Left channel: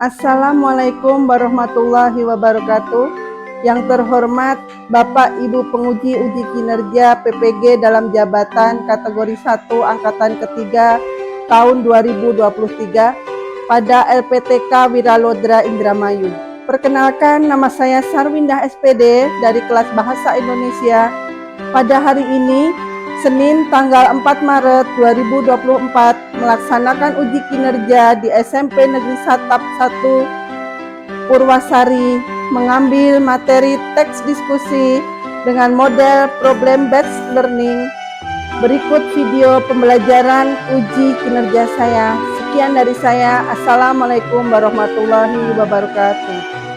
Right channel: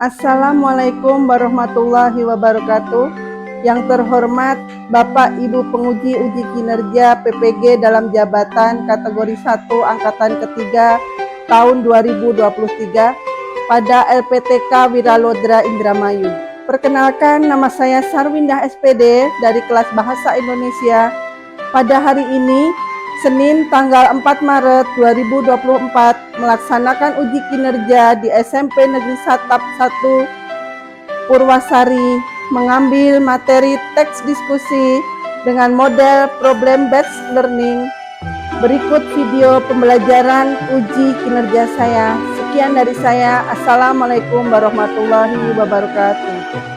Assalamualaikum warahmatullahi wabarakatuh. Yang terhormat Bapak Ibu penguji uji kinerja PPG dalam jabatan kategori 1 angkatan ketiga tahun 2023 pada LPTK Wiralodra Indramayu. Perkenalkan, nama saya Sarwindah SPD dari kelas Bahasa Indonesia. Pada hari ini Senin tanggal 4 Maret 2024 melaksanakan uji kinerja di SMP Negeri Satap 1 Purwasari, mengambil materi teks diskusi dengan model problem based learning. Berikut video pembelajaran uji kinerja saya. Sekian dari saya. Assalamualaikum warahmatullahi wabarakatuh.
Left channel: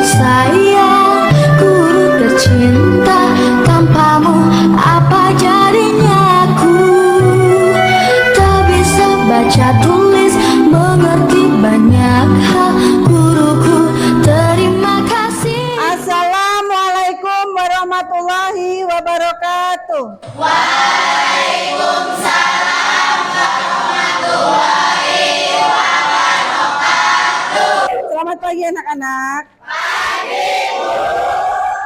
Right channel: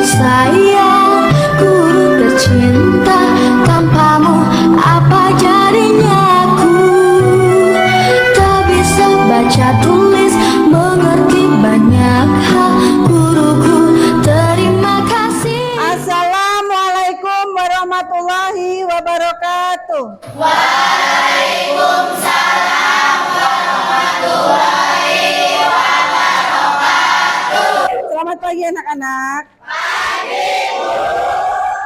Sayang, guru tercinta, tanpamu apa jadinya aku? Tak bisa baca tulis, mengerti banyak hal. Guruku, terima kasih. Assalamualaikum warahmatullahi wabarakatuh. Waalaikumsalam warahmatullahi wabarakatuh. Selamat pagi anak-anak.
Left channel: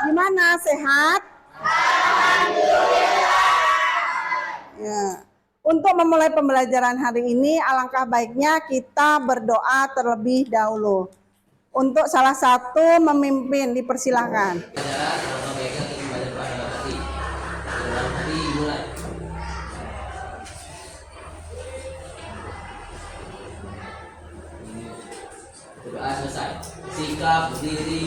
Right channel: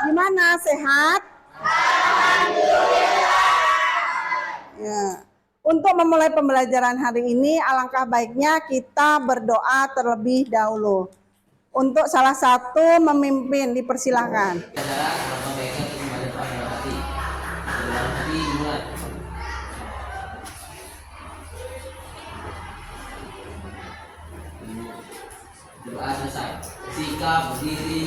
Gimana, sehat? Alhamdulillah. Ya. Untuk memulai pembelajaran hari ini, alangkah baiknya kita berdoa terlebih dahulu. Untuk salah satu memimpin, dipersilahkan. Doa selesai. Sikap diri.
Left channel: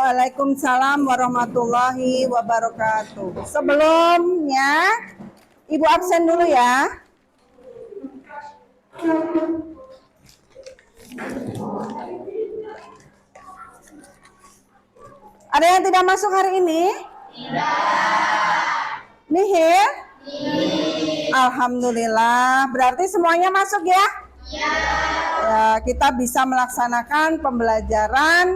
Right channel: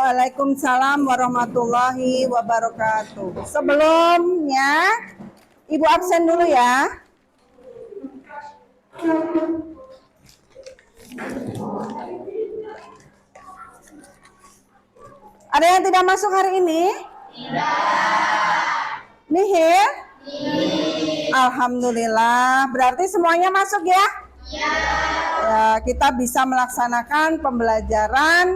Waalaikumsalam warahmatullahi wabarakatuh. Sebelumnya, Ibu absen dulu ya. Ada yang tidak masuk hari ini? Tidak. Nihil? Alhamdulillah. Berarti semuanya masuk ya? Ya. Kita bisa melaksanakan pembelajaran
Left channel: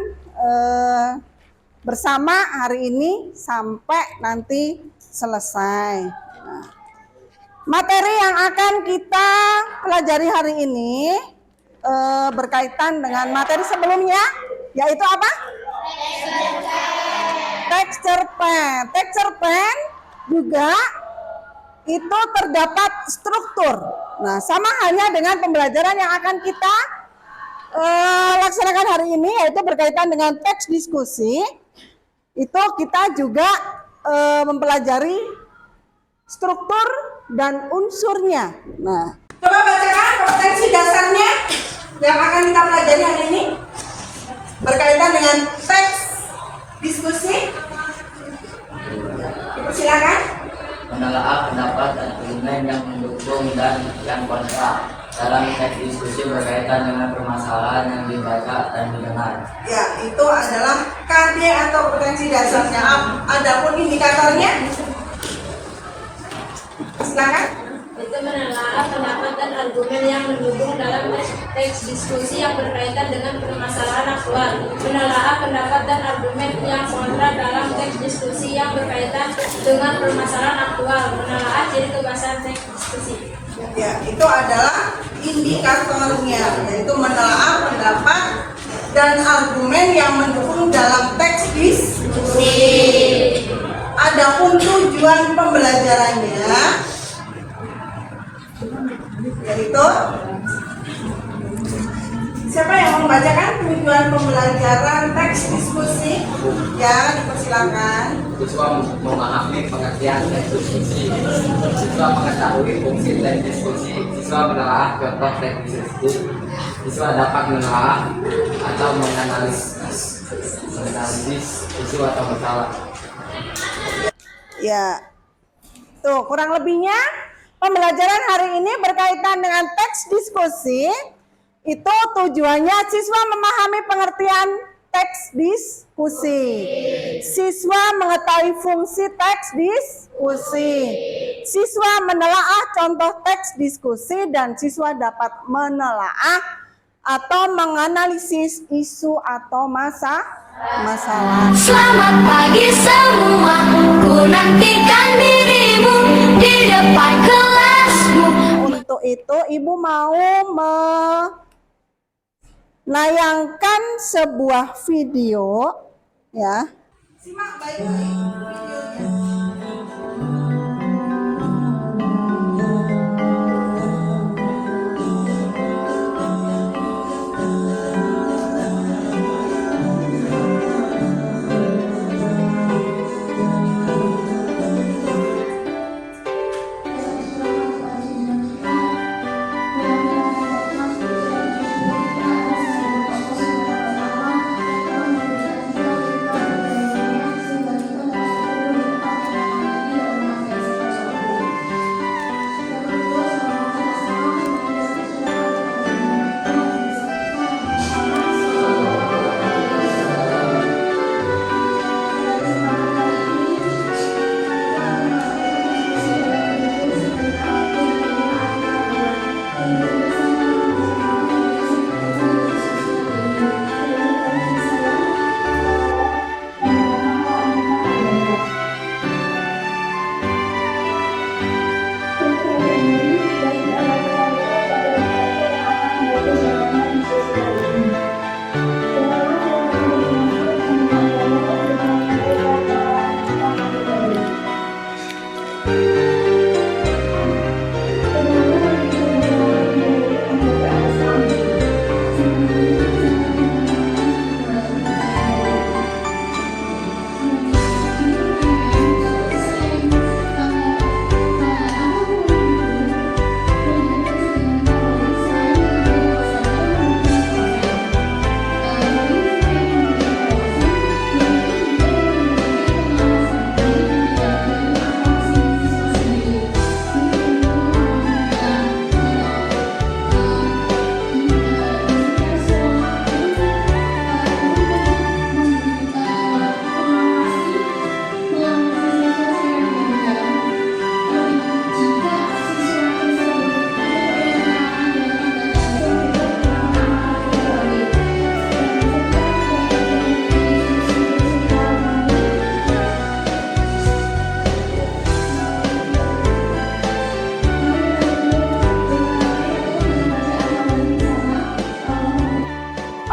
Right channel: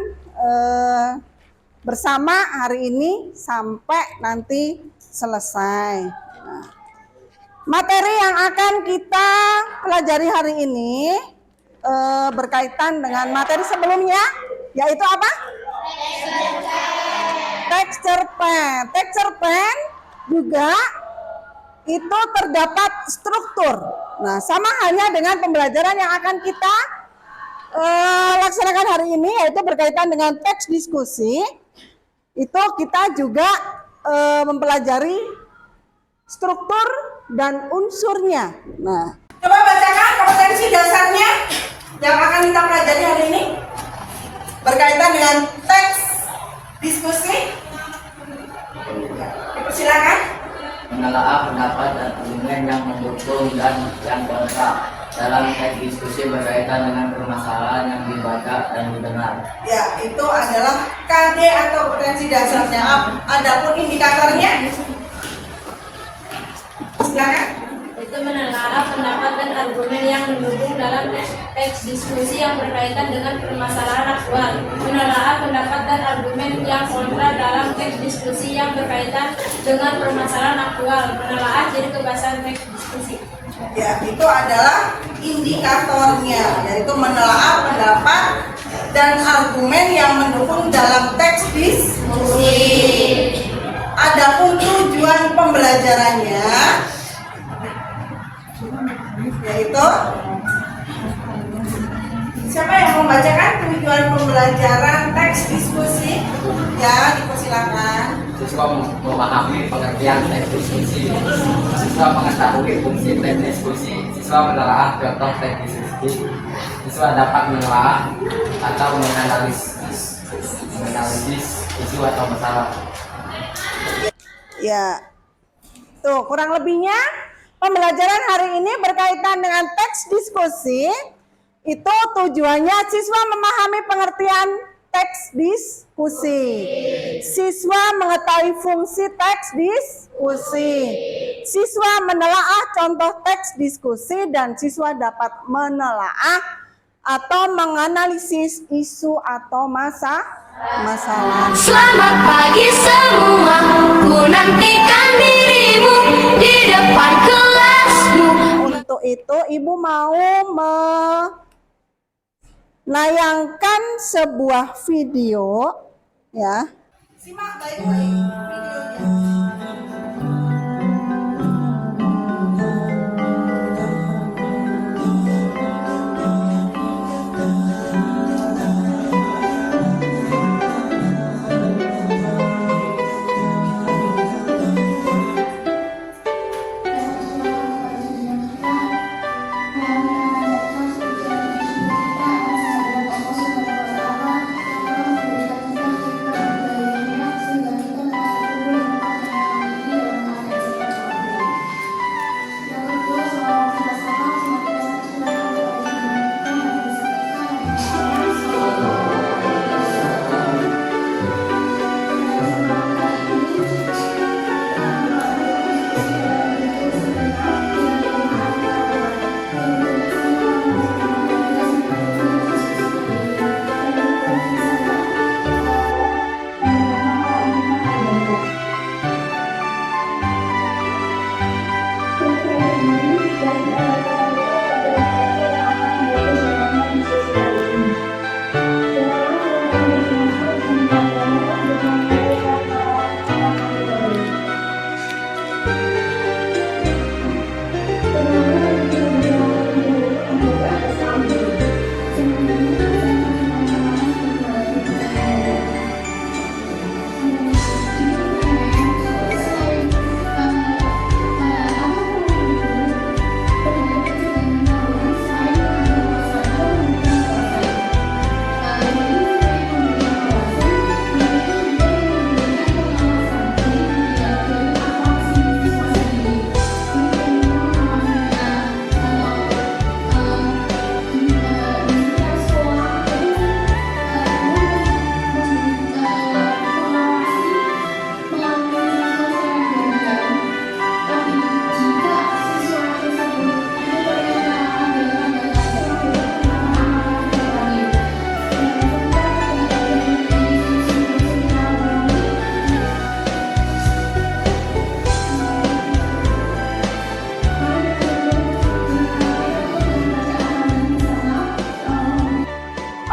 bersama hari ini sampai nanti selesai. Nah, materi yang akan kita pelajari hari ini berkaitan dengan materi sebelumnya, yaitu apa? Texture pen. Texture pen juga itu terdapat struktur. Nah, sama halnya dengan pembelajaran yang akan kita laksanakan hari ini, yaitu berkaitan dengan teks diskusi. Itu kita juga mempelajari struktur dan unsurnya. Nah, coba bacakan kompetensi dasarnya yang akan kita pelajari hari ini berkaitan dengan teks diskusi. Dipersilakan. Menelaah pendapat dan argumen yang mendukung dan yang kontra dalam teks diskusi berkaitan dengan permasalahan yang dibaca dan didengar. Ya, itu adalah KD atau kompetensi dasarnya. Adapun indikatornya, silakan. Itu menelaah pendapat dan argumen yang mendukung dalam teks diskusi yang berkaitan dengan permasalahan aktual. Menelaah pendapat dan argumen yang kontra dalam teks diskusi yang berkaitan dengan permasalahan aktual. Menelaah ciri kebahasan teks diskusi. Ya, itu adalah indikatornya, yaitu menelaah pendapat dan argumen yang mendukung dalam teks diskusi. Adapun tujuan pembelajarannya yaitu Siapa yang membacakan tujuan pembelajaran teks diskusi? Ya, dipersilakan. Siswa memahami pengertian teks diskusi. Siswa mengetahui fungsi teks diskusi. Siswa menelaah contoh teks diskusi. Siswa dapat menelaah atau menganalisis isu atau masalah. Ya. Tuh, kurang lebihnya pembelajaran hari ini berkaitan dengan teks diskusi. Itu tujuannya siswa memahami pengertian teks diskusi. Siswa mengetahui fungsi teks diskusi. Siswa menelaah contoh teks diskusi dan siswa dapat menelaah atau menganalisis isu atau masalah. Selamat pagi semua, ku nantikan dirimu di depan kelasmu. Untuk itu ibu mau menayangkan sebuah video ya. Simak baik-baik videonya.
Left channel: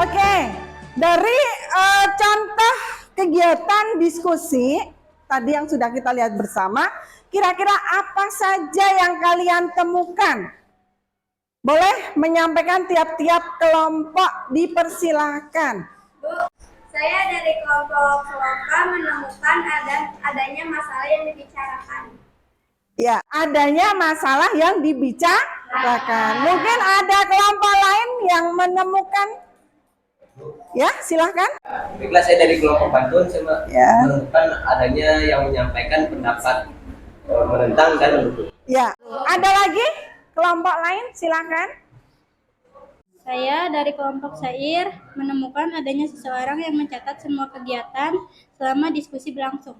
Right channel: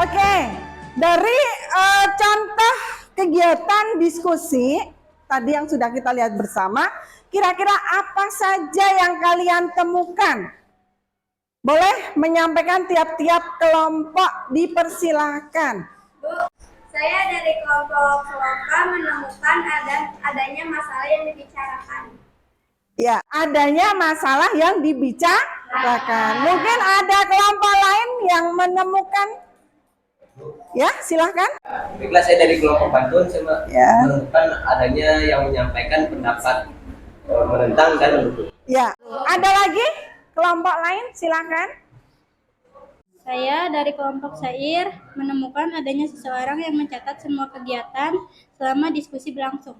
Oke, dari contoh kegiatan diskusi tadi yang sudah kita lihat bersama, kira-kira apa saja yang kalian temukan? Boleh menyampaikan tiap-tiap kelompok, dipersilahkan. Saya dari kelompok kelompok menemukan adanya masalah yang dibicarakan. Ya, adanya masalah yang dibicarakan. Mungkin ada kelompok lain yang menemukan. Ya, silahkan. Baiklah, saya dari kelompok Bantul, saya Ya. menemukan adanya yang menyampaikan pendapat menentang dan mendukung. Ya, ada lagi kelompok lain, silahkan. Saya dari kelompok Syair menemukan adanya seseorang yang mencatat semua kegiatan selama diskusi berlangsung.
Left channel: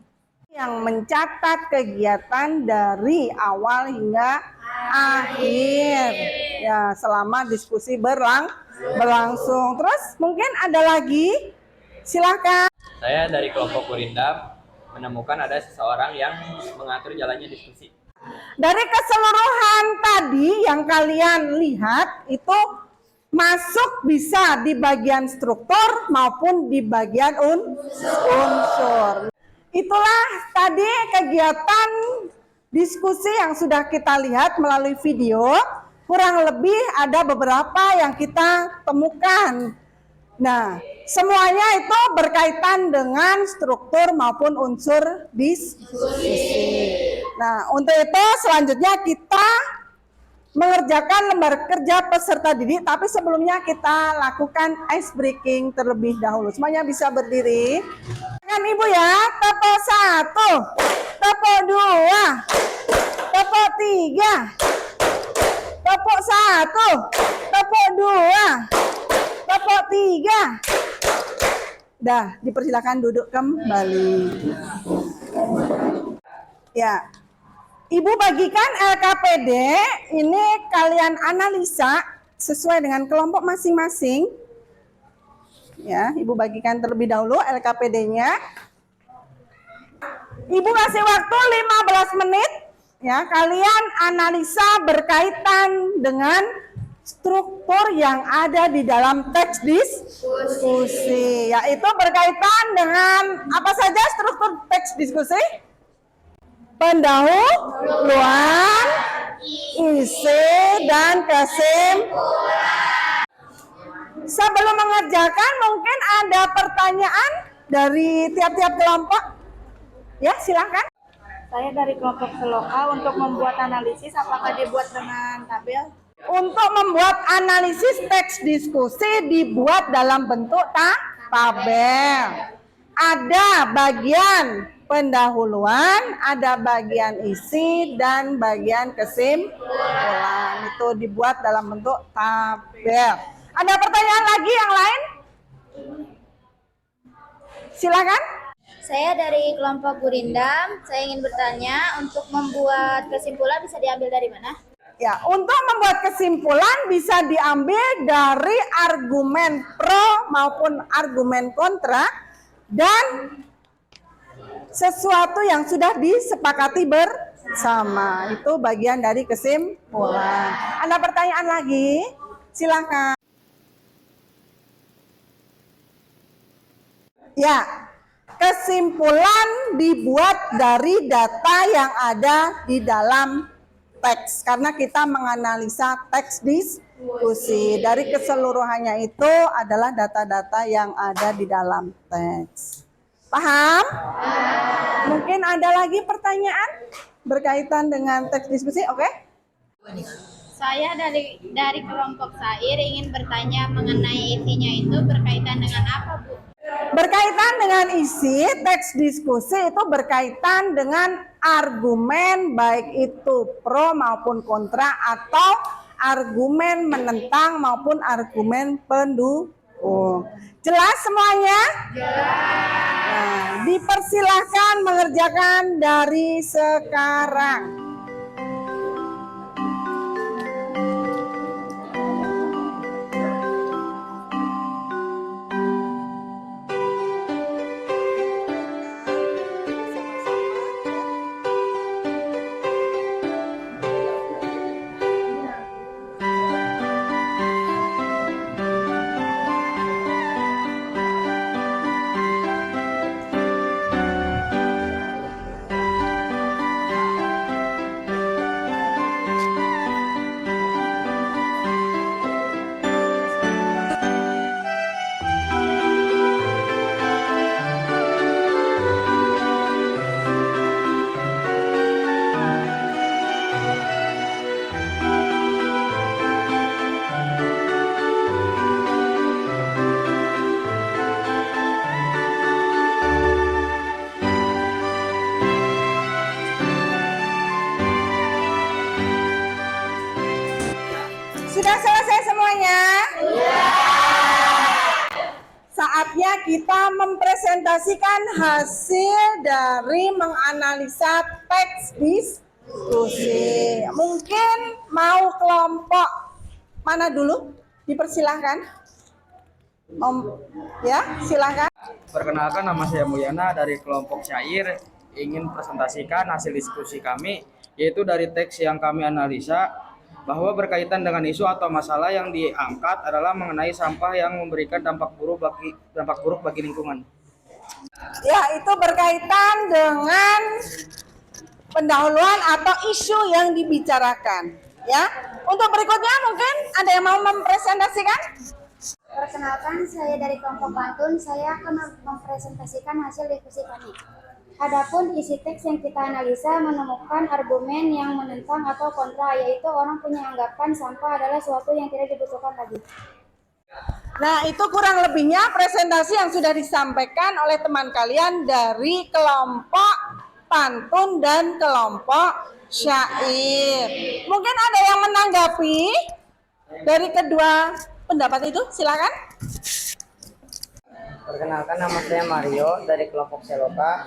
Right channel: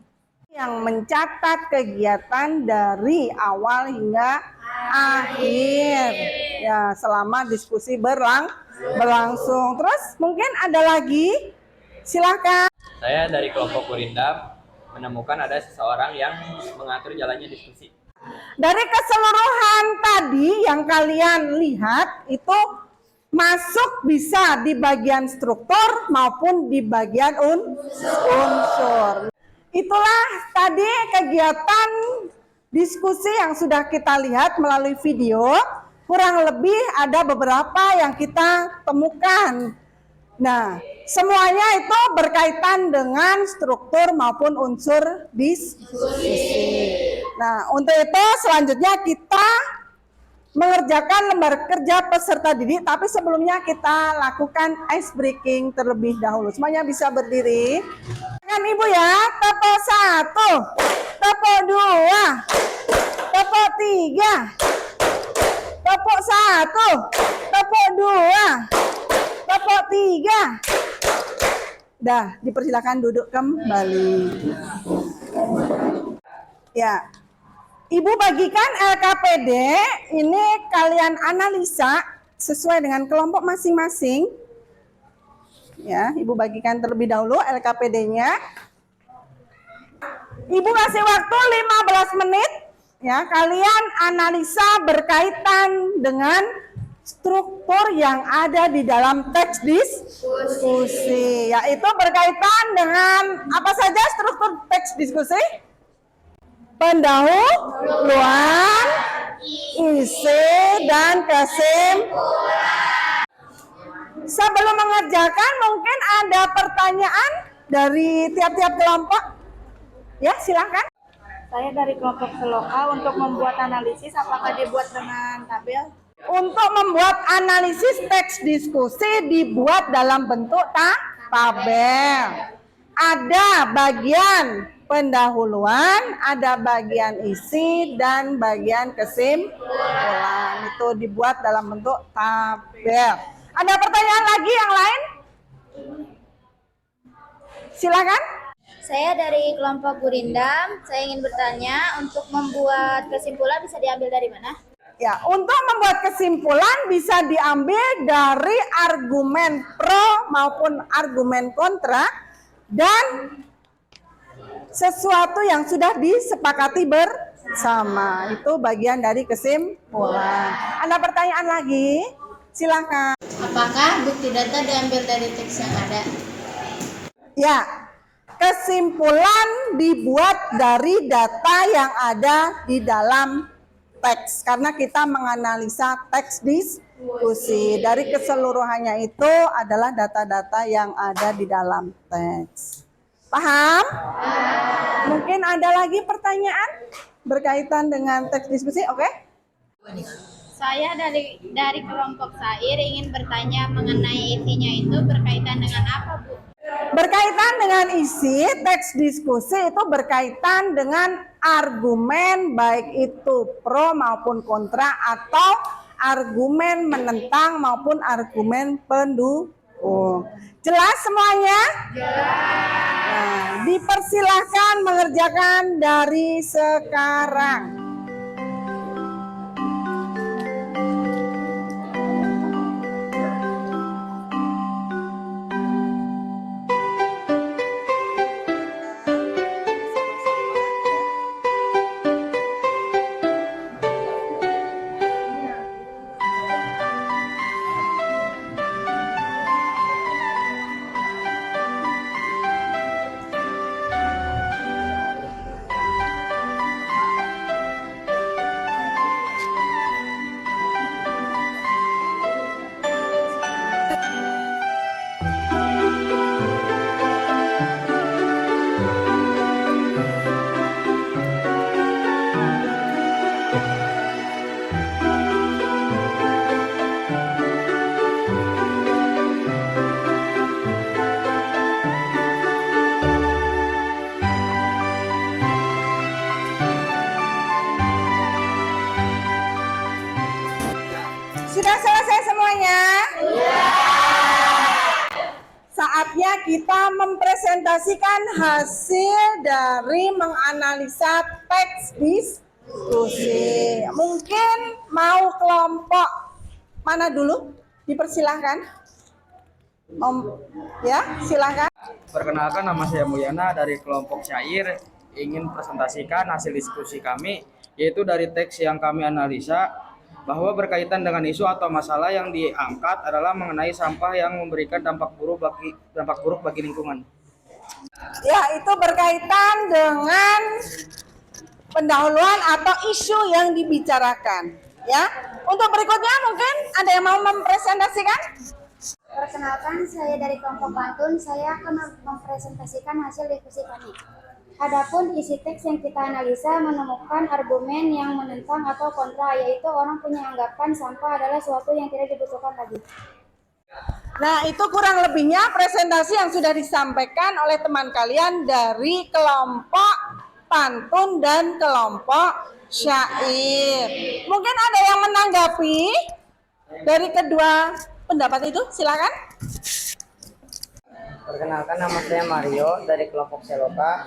Yang mencatat kegiatan dari awal hingga akhir. Ya, selama diskusi berlangsung. Terus mungkin ada lagi, silahkan. Saya dari kelompok Kurindam menemukan ada seseorang yang mengatur jalannya diskusi. Dari keseluruhan tadi yang kalian lihat itu masuk bisa di bagian struktur maupun di bagian unsur. Itulah tadi kegiatan diskusi yang sudah kita lihat melalui video. kurang lebih ada beberapa yang kita temukan. Nah, semuanya itu berkaitan dengan struktur maupun unsur diskusi. Nah, untuk itu selanjutnya kita mengerjakan lembar kerja peserta didik, tapi sebelumnya kita lakukan ice breaking terlebih dahulu. Semuanya bisa berdiri. Kan Ibu ya, tepuk 1, tepuk 2, tepuk 3, tepuk 1, tepuk 2, tepuk 3. Dah, dipersilakan duduk kembali. Ya, Ibu bagikan LKPD, ini kalian analisa sesuai dengan kelompok masing-masing. Ya, Ibu bagikan terlebih dahulu LKPD-nya. Ibu kasih waktu 15 menit. Ya, kalian analisa berkaitan dengan struktur yang ada di dalam teks diskusi. Yaitu berkaitan dengan apa saja struktur teks diskusi? Pendahuluan, isi, dan kesimpulan. Sebelum mengerjakan, mungkin ada pertanyaan dari tiap-tiap kelompok. Ya, silakan. Saya dari kelompok Seloka. Untuk membuat analisis, apakah dibuat dengan tabel? Untuk membuat analisis teks diskusi dibuat dalam bentuk tabel. Ada bagian pendahuluan, ada bagian isi, dan bagian kesimpulan. Itu dibuat dalam bentuk tabel. Ada pertanyaan lagi yang lain? Silakan. Saya dari kelompok Gurindam. Saya ingin bertanya, untuk membuat kesimpulan bisa diambil dari mana? Ya, untuk membuat kesimpulan bisa diambil dari argumen pro maupun argumen kontra dan sesuatu yang sudah disepakati bersama. Itu bagian dari kesimpulan. Ada pertanyaan lagi? Silakan. Apakah bukti data diambil dari teks yang ada? Ya, kesimpulan dibuat dari data yang ada di dalam teks. Karena kita menganalisa teks diskusi. Dari keseluruhannya itu adalah data-data yang ada di dalam teks. Paham? Mungkin ada lagi pertanyaan berkaitan dengan teks diskusi, oke? Saya dari kelompok Sair ingin bertanya mengenai isinya itu berkaitan dengan apa, Bu? Berkaitan dengan isi teks diskusi itu berkaitan dengan argumen baik itu pro maupun kontra atau argumen menentang maupun argumen pendukung. Jelas semuanya? Nah, dipersilahkan mengerjakan dari sekarang. Sudah selesai semuanya? Saatnya kita mempresentasikan hasil dari menganalisa teks diskusi. Mungkin mau kelompok mana dulu? Dipersilahkan. Ya, silakan. Perkenalkan, nama saya Mulyana dari kelompok Syair. Ingin presentasikan hasil diskusi kami, yaitu dari teks yang kami analisa bahwa berkaitan dengan isu atau masalah yang diangkat adalah mengenai sampah yang memberikan dampak buruk bagi lingkungan. Ya, itu berkaitan dengan pendahuluan atau isu yang dibicarakan. Ya, untuk berikutnya mungkin ada yang mau mempresentasikan? Perkenalkan, saya dari kelompok Pantun. Saya akan mempresentasikan hasil diskusi kami. Adapun isi teks yang kita analisa menemukan argumen yang menentang atau kontra, yaitu orang punya anggapan sampah adalah sesuatu yang tidak dibutuhkan lagi. Nah, itu kurang lebihnya presentasi yang sudah disampaikan oleh teman kalian dari kelompok Pantun dan kelompok Syair. Mungkin ada yang menanggapi dari kedua pendapat itu? Silakan. Perkenalkan, nama saya Mario dari kelompok Seloka,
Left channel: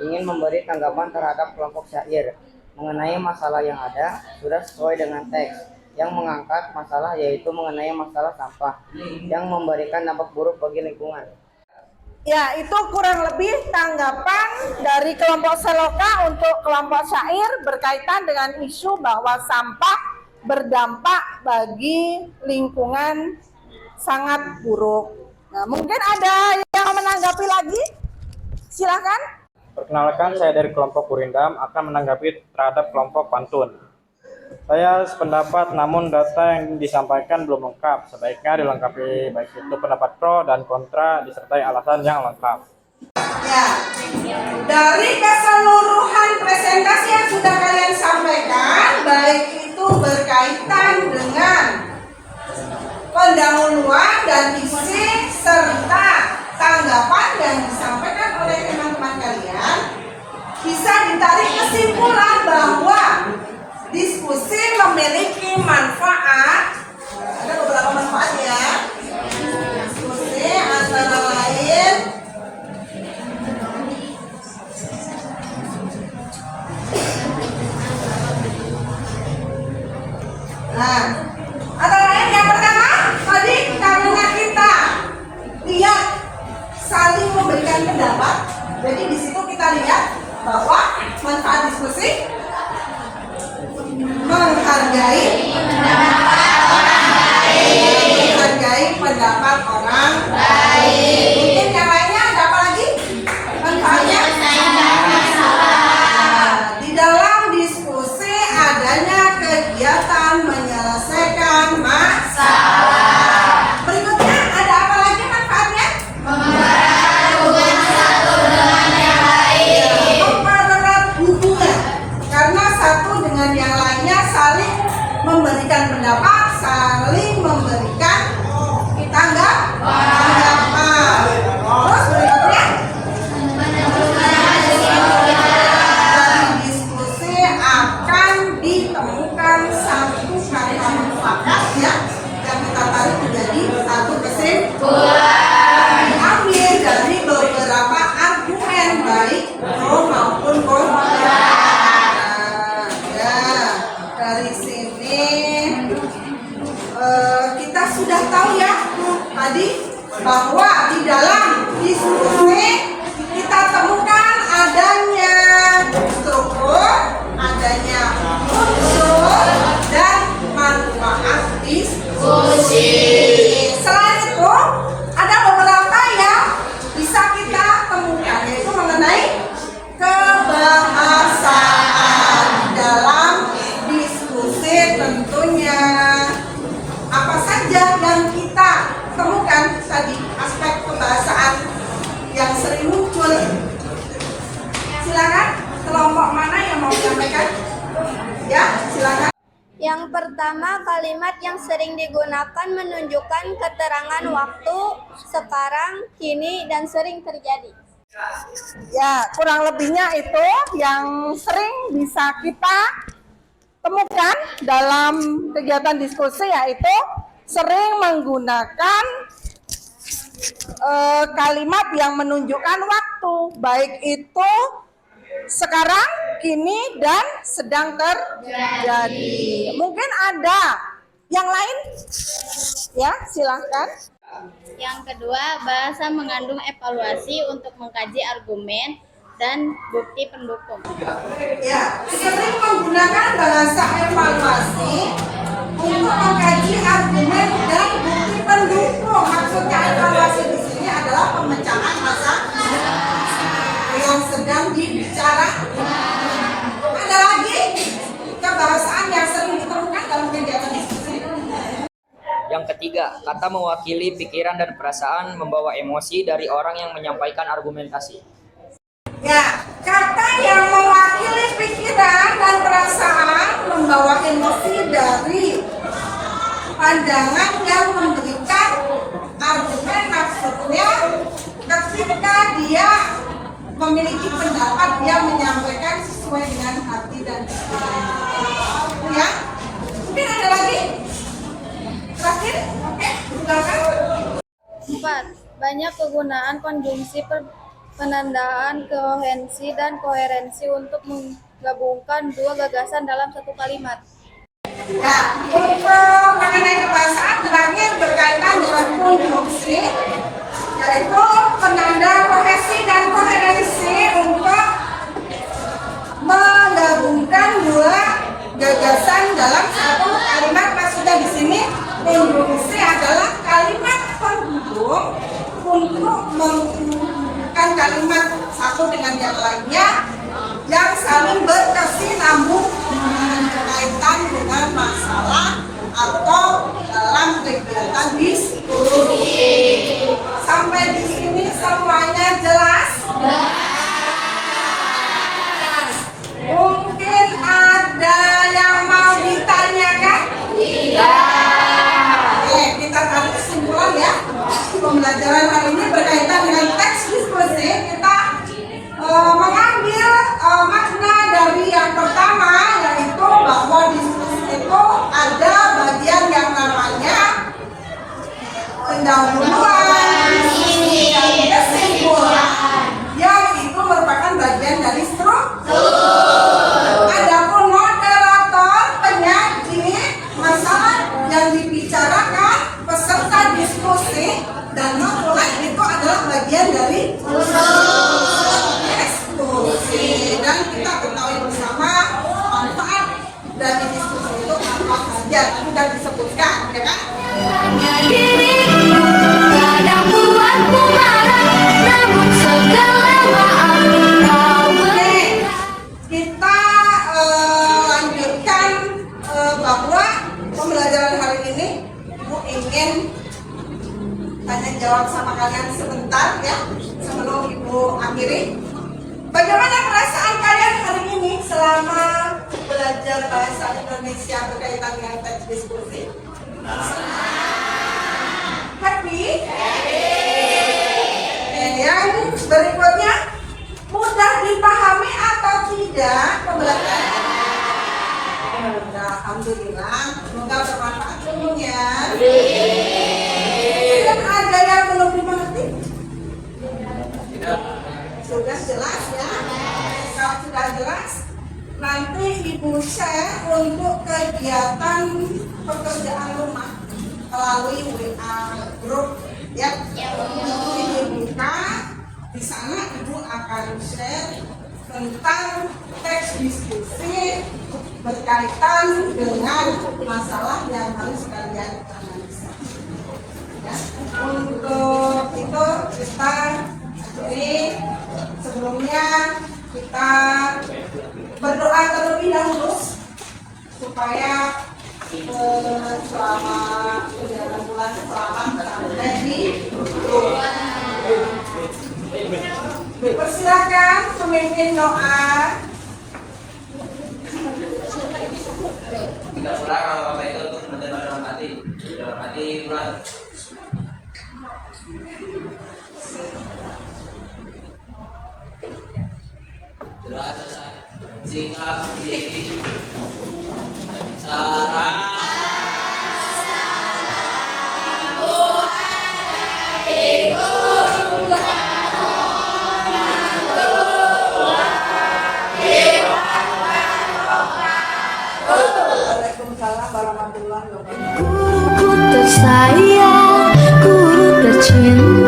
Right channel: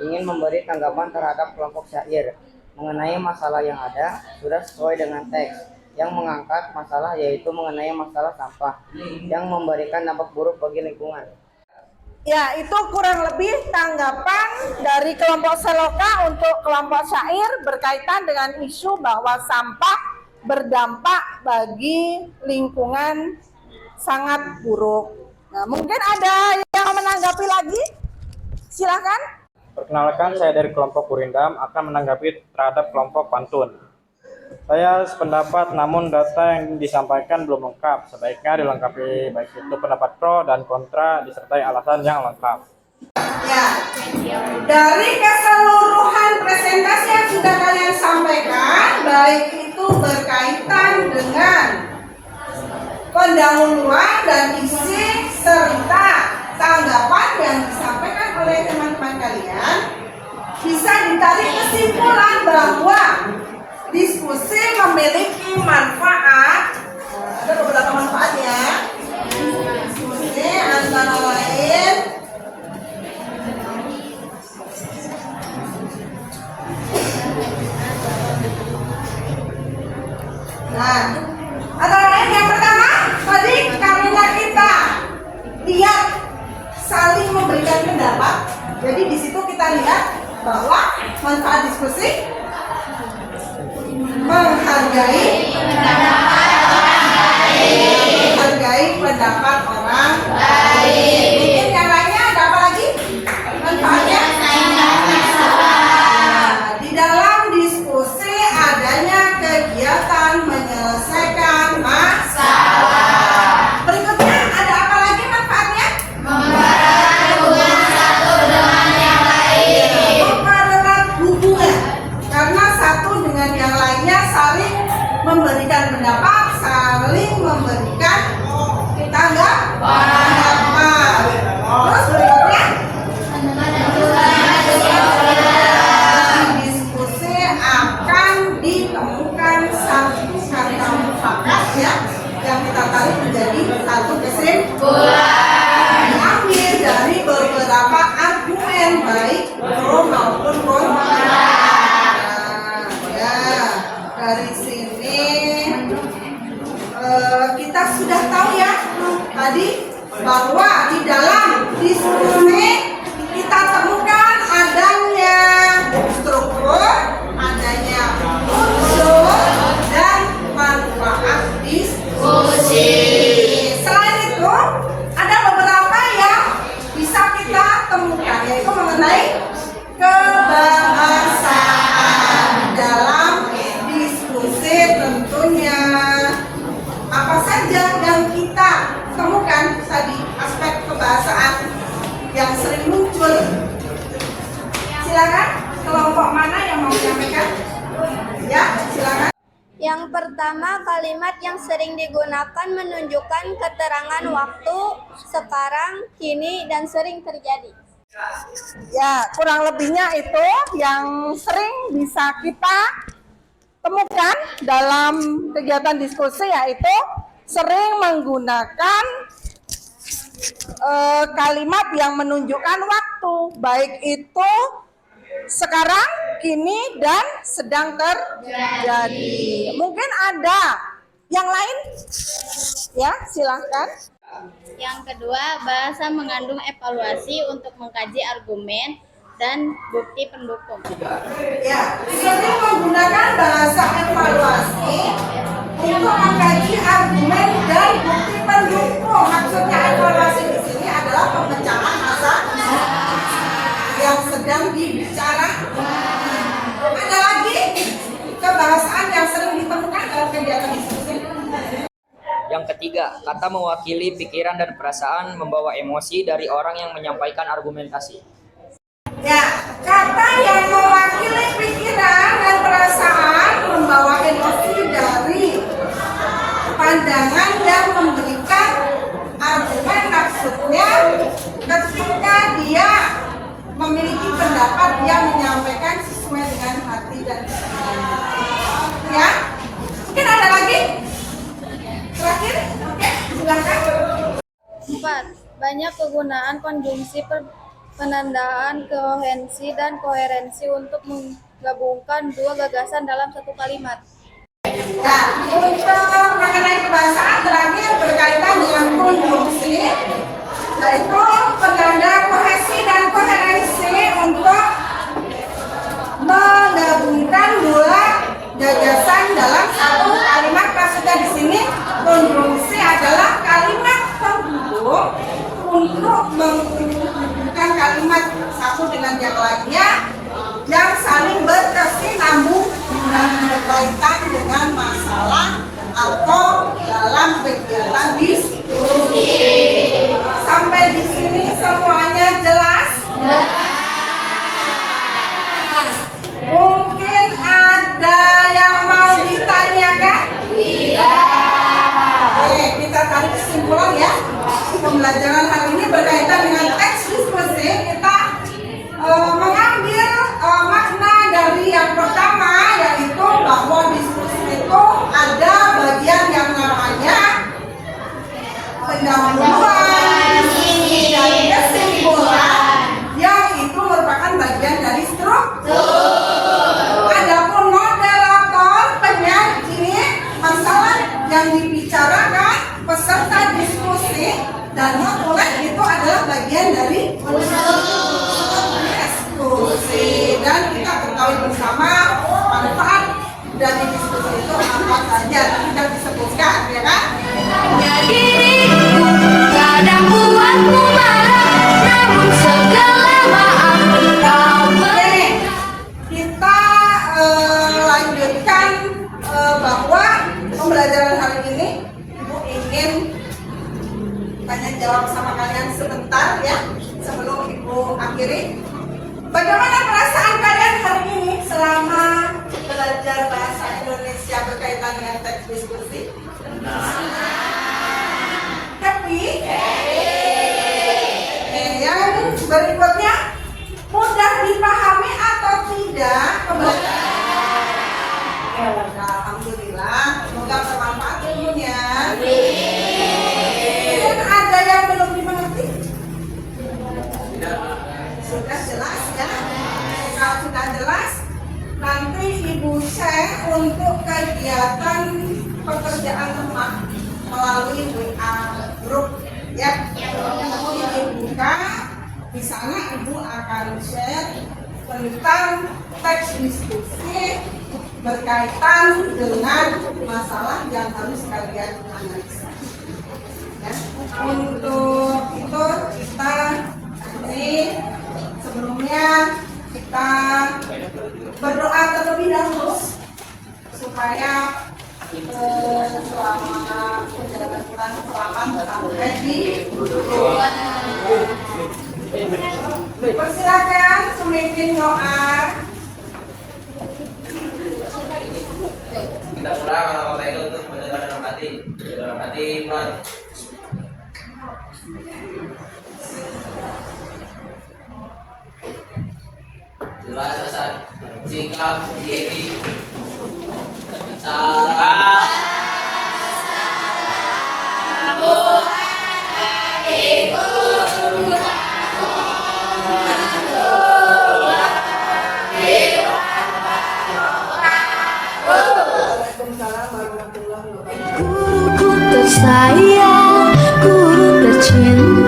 ingin memberi tanggapan terhadap kelompok Syair mengenai masalah yang ada sudah sesuai dengan teks yang mengangkat masalah, yaitu mengenai masalah sampah yang memberikan dampak buruk bagi lingkungan. Ya, itu kurang lebih tanggapan dari kelompok Seloka untuk kelompok Syair berkaitan dengan isu bahwa sampah berdampak bagi lingkungan sangat buruk. Nah, mungkin ada yang menanggapi lagi? Silakan. Perkenalkan, saya dari kelompok Kurindam akan menanggapi terhadap kelompok Pantun. Saya sependapat, namun data yang disampaikan belum lengkap. Sebaiknya dilengkapi, baik itu pendapat pro dan kontra disertai alasan yang lengkap. Ya, dari keseluruhan presentasi yang sudah kalian sampaikan, baik itu berkaitan dengan pendahuluan dan isi serta tanggapan yang disampaikan oleh teman-teman kalian, bisa ditarik kesimpulan bahwa diskusi memiliki manfaat. Ada beberapa manfaatnya. Diskusi antara lain antara lain yang pertama tadi, karena kita lihat saling memberikan pendapat, jadi di situ kita lihat bahwa manfaat diskusi menghargai pendapat orang lain. Mungkin yang lainnya ada apa lagi manfaatnya? Di dalam diskusi adanya kegiatan menyelesaikan masalah. Berikutnya ada apa lagi manfaatnya? Mempererat hubungan, karena satu dengan yang lainnya saling memberikan pendapat, saling memberikan tanggapan. Terus berikutnya, dari diskusi akan ditemukan satu kata mufakat ya, yang kita tarik menjadi satu kesimpulan, diambil dari beberapa argumen baik pro maupun kontra. Dari sini kita sudah tahu ya tadi bahwa di dalam diskusi kita temukan adanya struktur, adanya unsur dan manfaat diskusi. Selain itu ada beberapa yang bisa kita temukan, yaitu mengenai kebahasaan dalam diskusi. Tentunya apa saja yang kita temukan tadi, aspek kebahasaan yang sering muncul. Silakan, kelompok mana yang mau menyampaikan? Ya, silakan. Yang pertama, kalimat yang sering digunakan menunjukkan keterangan waktu, sekarang, kini, dan sering terjadi. Ya, kurang lebihnya itu yang sering bisa kita temukan dalam kegiatan diskusi, yaitu sering menggunakan kalimat yang menunjukkan waktu, baik itu sekarang, kini, dan sedang terjadi. Mungkin ada yang lain? Ya, silahkan. Yang kedua, bahasa mengandung evaluasi untuk mengkaji argumen dan bukti pendukung. Ya, sering menggunakan bahasa evaluasi untuk mengkaji argumen dan bukti pendukung. Maksudnya evaluasi di sini adalah pemecahan masalah yang sedang dibicarakan. Ada lagi kebahasaan yang sering ditemukan dalam Yang ketiga, kata mewakili pikiran dan perasaan membawa emosi dari orang yang menyampaikan argumentasi. Ya, kata yang mewakili pikiran dan perasaan membawa emosi dari pandangan yang memberikan argumen, maksudnya ketika dia memiliki pendapat, dia menyampaikan sesuai dengan hati dan pikirannya. Ya, mungkin ada lagi? Terakhir, oke, silakan. 4. Banyak kegunaan konjungsi penandaan kohensi dan koherensi untuk menggabungkan dua gagasan dalam satu kalimat. Nah, untuk mengenai kebahasaan terakhir berkaitan dengan konjungsi, yaitu penanda kohesi dan koherensi untuk menggabungkan dua gagasan dalam satu kalimat. Maksudnya di sini konjungsi adalah kalimat penghubung untuk menghubungkan kalimat satu dengan yang lainnya yang saling berkesinambung berkaitan dengan masalah atau dalam kegiatan diskusi. Sampai di sini semuanya jelas? Mungkin ada yang mau ditanyakan? Oke, kita tarik kesimpulan ya. Pembelajaran hari ini berkaitan dengan teks diskusi. Kita mengambil makna dari yang pertama, yaitu bahwa diskusi itu ada bagian yang namanya pendahuluan, dan kesimpulan, yang itu merupakan bagian dari struktur. Adapun moderator, penyaji, masalah yang dibicarakan, peserta diskusi, dan notulen itu adalah bagian dari diskusi. Dan kita ketahui bersama manfaat dari diskusi itu apa saja, tidak disebutkan, ya kan? Hanya diriku kadang buatku marah, namun segala maaf kau berikan. Kita lanjutkan bahwa pembelajaran hari ini Ibu ingin tanya jawab sama kalian sebentar ya, sebelum Ibu akhiri. Bagaimana perasaan kalian hari ini selama belajar bahasa Indonesia berkaitan dengan teks diskusi? Happy? Yang berikutnya, mudah dipahami atau tidak pembelajaran? Alhamdulillah, semoga bermanfaat ilmunya. Dan ada yang belum dimengerti? Sudah jelas ya? Kalau sudah jelas, nanti Ibu share untuk kegiatan pekerjaan rumah melalui WA group ya. Nanti dibuka, di sana Ibu akan share tentang teks diskusi berkaitan dengan masalah yang harus kalian analisa. Ya. Untuk itu kita ini sebelumnya kita berdoa terlebih dahulu supaya selama bulan selamat sampai di Persilakan memimpin doa. Kita pulang kalau Bapak itu untuk membaca dalam hati mulai. Jelas selesai. Sikap diri. Cara. Guruku tersayang, guru tercinta.